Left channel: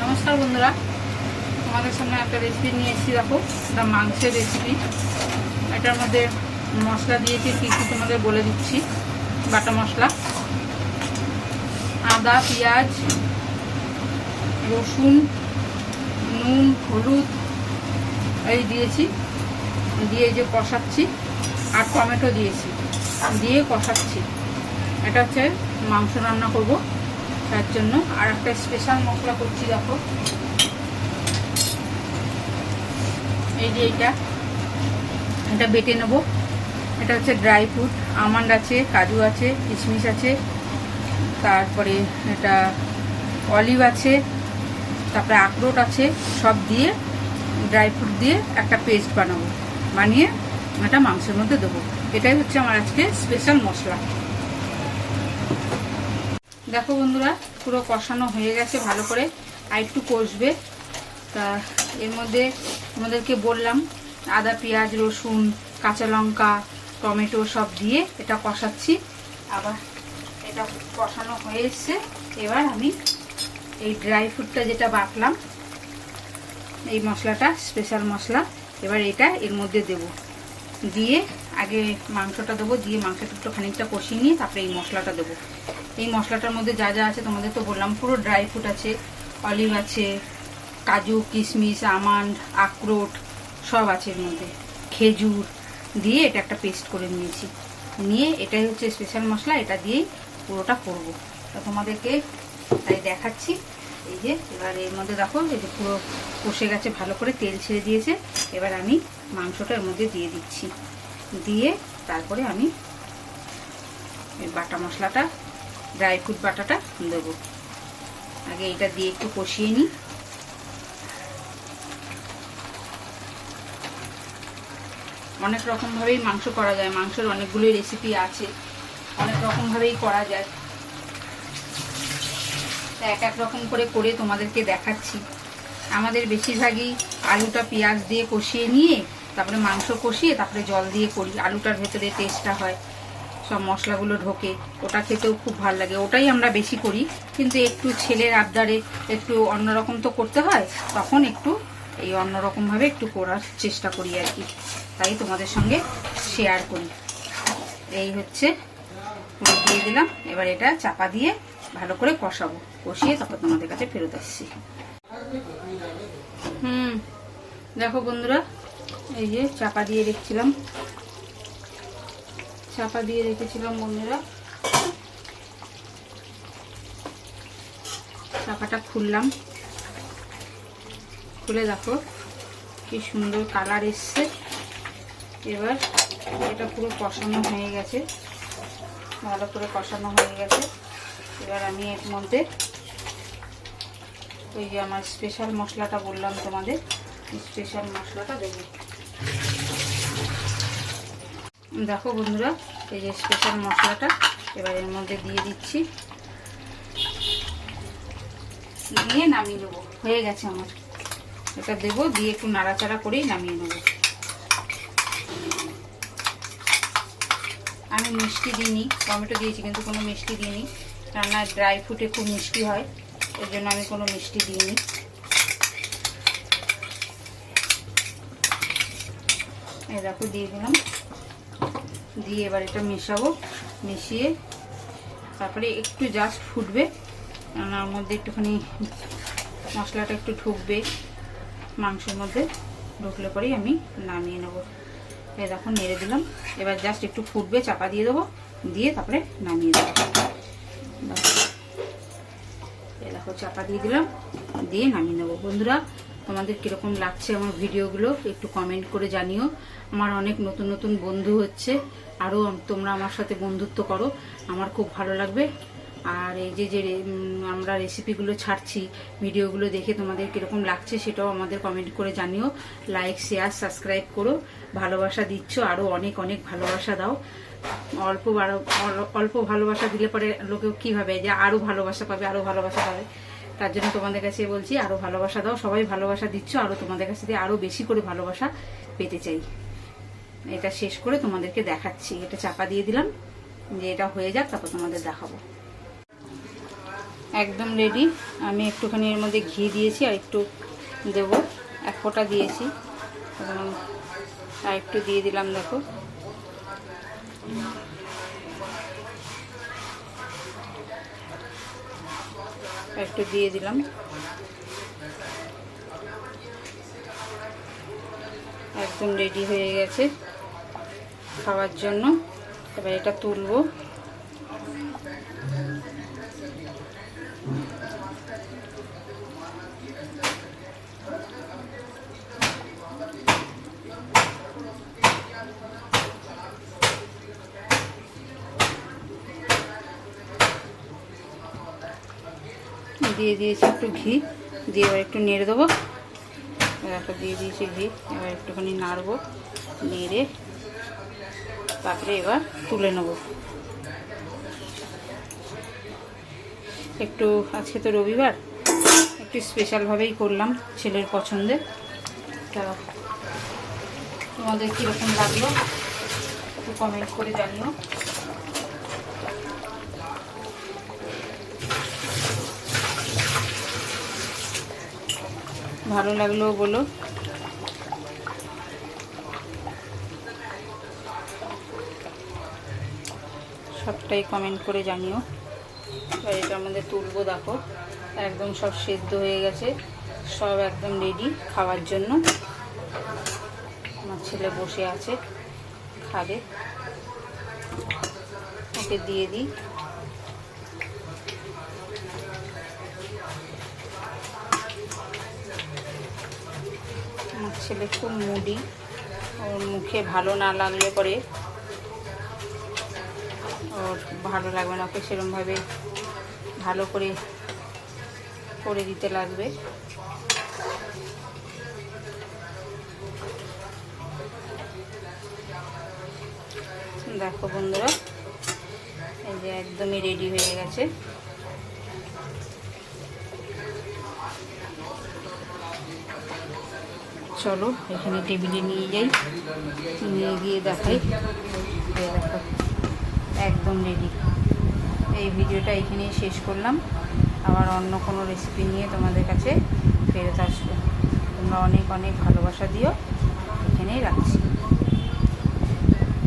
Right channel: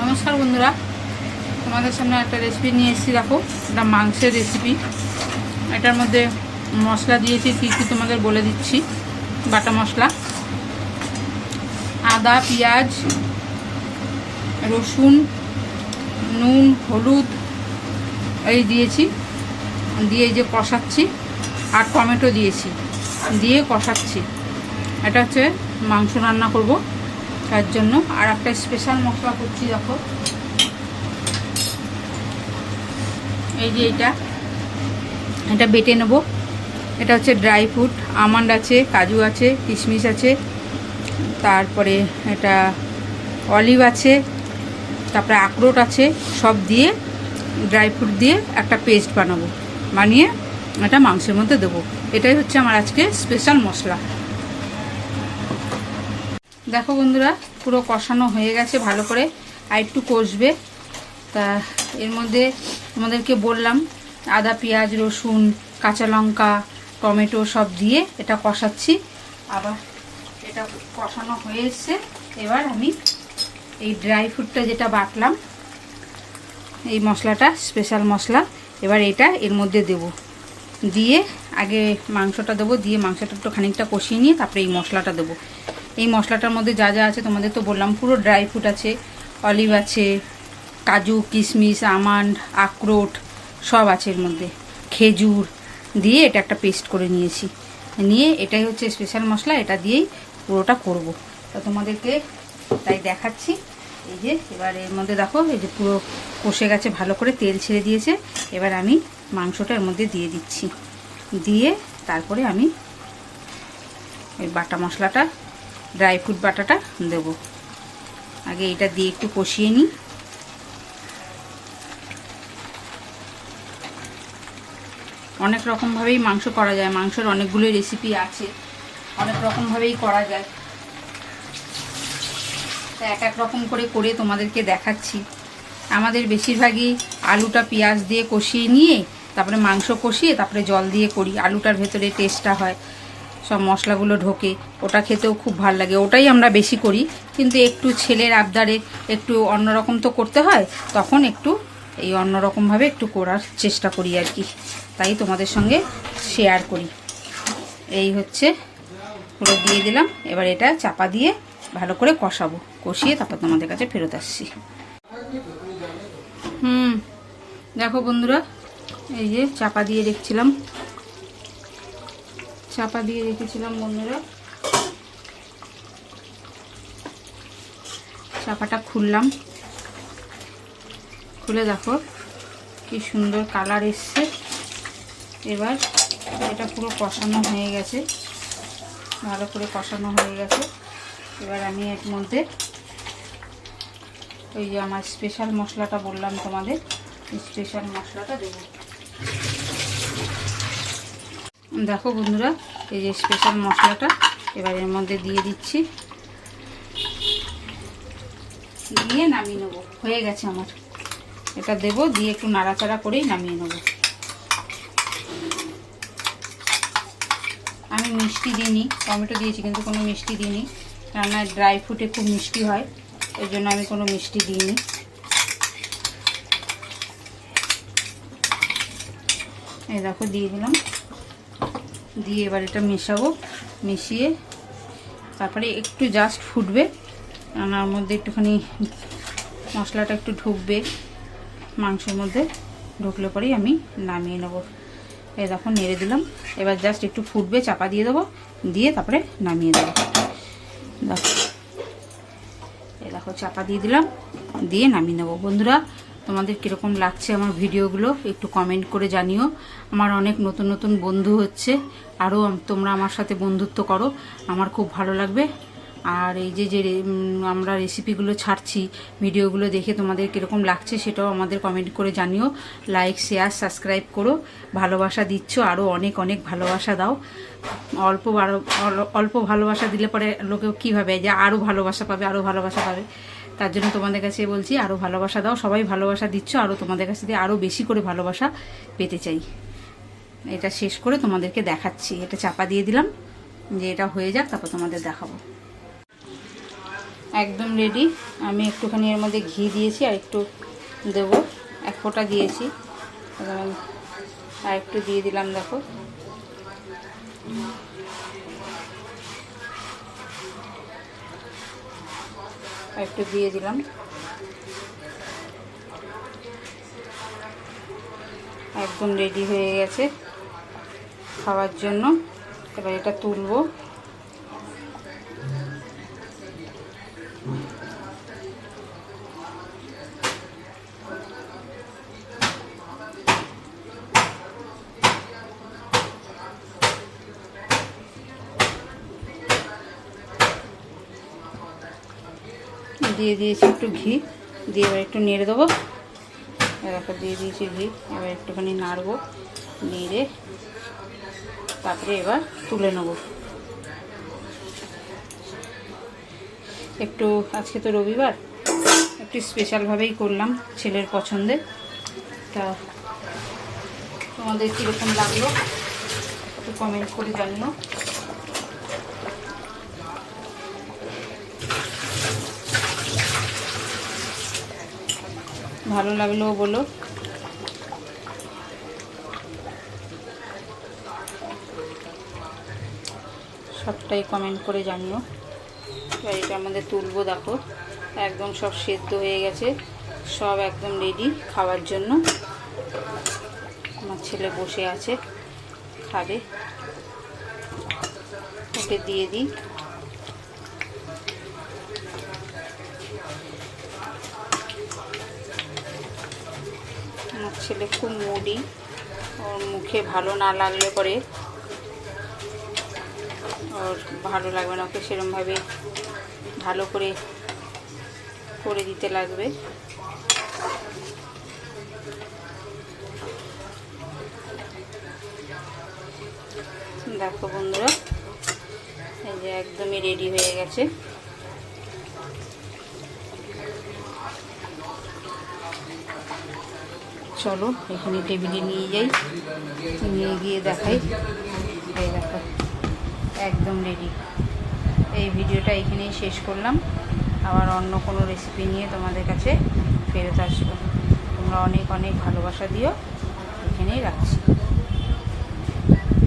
নমস্কার বন্ধুরা, তোমাদের সামনে একটা রেসিপি নিয়ে এসেছি। দেখো, এটা মাংসের রেসিপি। এটার মধ্যে মশলা দিয়েছি, কী কী তোমাদের বলে দিচ্ছি। বাটা মশলা, আদা, পেঁয়াজ, রসুন, নুন, হলুদ এই দিয়েছি, দিয়ে এই যে কষাচ্ছি। আর টমেটো দিয়েছি, দিয়ে কষাচ্ছি। এটা হচ্ছে মাংস রান্না করব, তার জন্য। আর একটা স্পেশাল মশলা করছি। দেখো, এই যে এটা বেটে নেব। এটা হচ্ছে ড্রাই ফ্রুট, আমন্ড আছে, কাজু আছে, কিশমিশ আছে, তারপরে এটা অলিভ আছে, তারপরে আখরোট আছে। সব দিয়ে ড্রাই ফ্রুট দিয়ে একটা পেস্ট বানিয়ে এটা মাংসের মধ্যে দেবো। এটাই হচ্ছে আমার আজকে স্পেশাল মশলা। দেখো বন্ধুরা, পুরো কষানো হয়ে গেছে ভালো করে, আর একটু কষবে। তা এর মধ্যে আমাদেরকে বললাম আদা, পেঁয়াজ, রসুন, কাঁচা লঙ্কা, টমেটো সব দিয়ে এটা কষাচ্ছি। আবার এটা কষানো হয়ে এসছে। এবার আমি এই ড্রাই ফ্রুটটা যেটা বাটলাম, এই মশলাটা স্পেশাল মশলা, এবার এটা এর মধ্যে দেব। দিয়ে আগে মাংসটা দেবো, দিয়ে মাংসটা একটু খানিকটা কষিয়ে নিয়ে তারপরে এই মশলাটা দেবো। এই মশলাটার মধ্যে যা যা আছে তোমাদের তো বললাম, পুরো ড্রাই ফ্রুট আছে, অলিভ আছে, কাজু, কিশমিশ, আমন্ড, আখরোট সব আছে এর মধ্যে, খেজুর দিয়ে এটা একটা পেস্ট করে নিয়েছি। নিয়ে এটাই হচ্ছে স্পেশাল মশলা, এটা দিয়েই পুরোটা করব। তো তোমাদেরকে তাই দেখাচ্ছি। এই যে এবার এর মধ্যে দেখো, এই যে পুরো কষে গেছে, ভালো করে তেল ছেড়ে দিয়েছে। এবার আমি মাংসটা এর মধ্যে দিয়ে দিচ্ছি, দিয়ে তারপরে আমি এই বাটা মশলাটা, ড্রাই ফ্রুট বাটাটা দেবো। আগে এটা দিয়ে একটু কষিয়ে নিই। অনেক রকমভাবেই মাংস করা যায়, মাংসের অনেকগুলোই রেসিপি আছে, অনেক রকমভাবেই করা যায়। তা এক এক রকম করে তোমাদেরকে দেখাচ্ছি। আমাদের বেশিরভাগই আলুটা পেঁয়াজ দিয়ে কষিয়ে নিয়ে তারপরে মাংস কষিয়ে তারপরে জল দিয়ে করি। আলুটার ভেতরে টেস্টটা হয়, সব মশলাগুলো ঢোকে, ওটা খেতেও খুব ভালো লাগে। ওটাই আমরা বেশি করি, কিন্তু একটু ছেলের আবদারে একটু অন্যরকম তো করতে হয়, তখন একটু এই অন্যরকমভাবে একটু করার চেষ্টা করি আর কি। তাই তোমাদের সঙ্গে শেয়ার করি। এই হচ্ছে পুরো দিয়ে দিলাম। এবার এটা চাপা দিয়ে ভালো করে কষাবো, কষিয়ে তারপর তোমাদের কাছে ফেরত আসছি। দেখো বন্ধুরা, এই যে চাপা দিয়ে রেখেছিলাম বন্ধুরা, চাপাটা খুললাম। খুলে দেখো কি সুন্দর কালার এসছে। এবার এটা পুরো কষানো হয়ে গেছে, ভালো করে কষানো হয়ে গেছে। এবার আমি এর মধ্যে ওই যে আমার স্পেশাল মশলাটা বললাম তোমাদের, স্পেশাল মশলাটা দেবো। দেখো বন্ধুরা, এই যে স্পেশাল মশলাটা এবার এর মধ্যে দিয়ে দিচ্ছি, দিয়ে নামিয়ে নেবো। হয়ে গেছে আমার, এটা দেবো, দিয়ে একটু নাড়াচাড়া করেই নামিয়ে নেবো। আমি মিষ্টি দিইনি, টমেটো দিয়েছি কিন্তু কোনো মিষ্টি দিইনি, কেননা ড্রাই ফ্রুটে খুব মিষ্টি হয়, এর জন্য আমি কোনো মিষ্টি দিইনি। এই দেখো দিয়ে দিলাম, দিয়ে এবার এটা মেশাবো। মিশিয়ে তারপরে একটু জাস্ট ফুটবে, ওর মধ্যে একটুখানি মশলাটা একটু ঢুকবে, মাংসের মধ্যে ঢুকলে পরেই আমি নামিয়ে নেব। এই দেখো নেড়ে দিলাম। এবার জাস্ট একটু ফুটবে, চাপা দিয়ে দেবো, দিয়ে তারপরে নামিয়ে দেবো। দেখো, এই দেখো চাপা দিয়ে দিলাম, দিয়ে নামিয়ে নেবো। বন্ধুরা, তোমাদের কীরকম লাগছে আমার ভিডিওগুলো একটু কমেন্ট করে জানিও। আমার অনেক নতুন নতুন বন্ধু হচ্ছে, আরও তোমরা আমার সাথে বন্ধুত্ব করো, আমার খুব ভালো লাগবে। আর এই যে আমরা রেসিপিগুলো ছাড়ছি, ভিডিওগুলো দেখে তোমাদের কীরকম লাগছে সেটাও আমাদের কমেন্ট করে জানিও। লাইক, শেয়ার, সাবস্ক্রাইব করো। ভালোবাসা দিচ্ছ, আরও অনেক অনেক ভালোবাসা দাও। অল্প ভালোবাসা দিলে পরে লোকেও কী ভাবে যে আরও ভালোবাসা পাবে, আরও ভালোবাসা পাবে। তার জন্য তোমাদের কাছে বলছি, আরও ভালোবাসা দাও। সবাই ভালোবাসা দিচ্ছ, আরও তোমাদের কাছে দিয়ে আরও বেশি করে ভালোবাসা পেতে চাই। এটা শেষ করে তোমাদেরকে দেখাচ্ছি। এটা চাপা দিয়ে দিলাম, যে এটা হয়ে যাক, তারপর তোমাদের দেখাবো। একদম রেডি। আমি একটুখানি এর মধ্যে ঘি দিয়েছি, আর একটু দেবো, 1 ফোঁটা দিয়েছি, আর একটু দিয়ে দিলাম। দেখো আর একটু দিয়ে দিলাম। একদম রেডি হয়ে গেছে খাওয়ার জন্য। এবার এটা তুলবো। দিয়ে দিয়েছি একটু ঘি, দিয়ে এবার একটু নেড়ে দেবো। দেখো দিয়ে দিয়েছি ঘি, এবার একটুখানি নাড়বো, নেড়ে তারপরে এবার তুলে নেব। একটু আজকে তো রবিবার, একটু স্পেশালভাবেই করলাম, ছেলের পছন্দের। তা তোমাদের কীরকম লাগলো একটু কমেন্ট করে জানিও। ভালো লাগলেও বলো। সবটাই কমেন্ট করে জানিও। এবার এটা আমাদের তুলবো। দেখো একদম সব সেদ্ধ হয়ে গেছে, সব একদম রেডি খাওয়ার জন্য। আমার ছেলে বসে আছে, খাবে। ওকে দিয়ে দিই। আমার ছেলে খুব মুডি, ওর মুখে ভালো না লাগলে পরে ওর ভালো লাগবে না, ওকে সেরকমভাবে ভালো করে দিতে লাগবে। দেখো বন্ধুরা, এই যে একদমই রেডি হয়ে গেছে। চলো এখানে টেবিলে নিয়ে যাই, নিয়ে গিয়ে দেখাই। এই দেখো একদম রেডি। এই ভিডিওটা এখানেই শেষ করলাম। আবার অন্য কোনো রেসিপি নিয়ে তোমাদের কাছে ফেরত আসবো। তোমরা অনেক অনেক ভালোবাসা দিও। এখানেই রাখছি।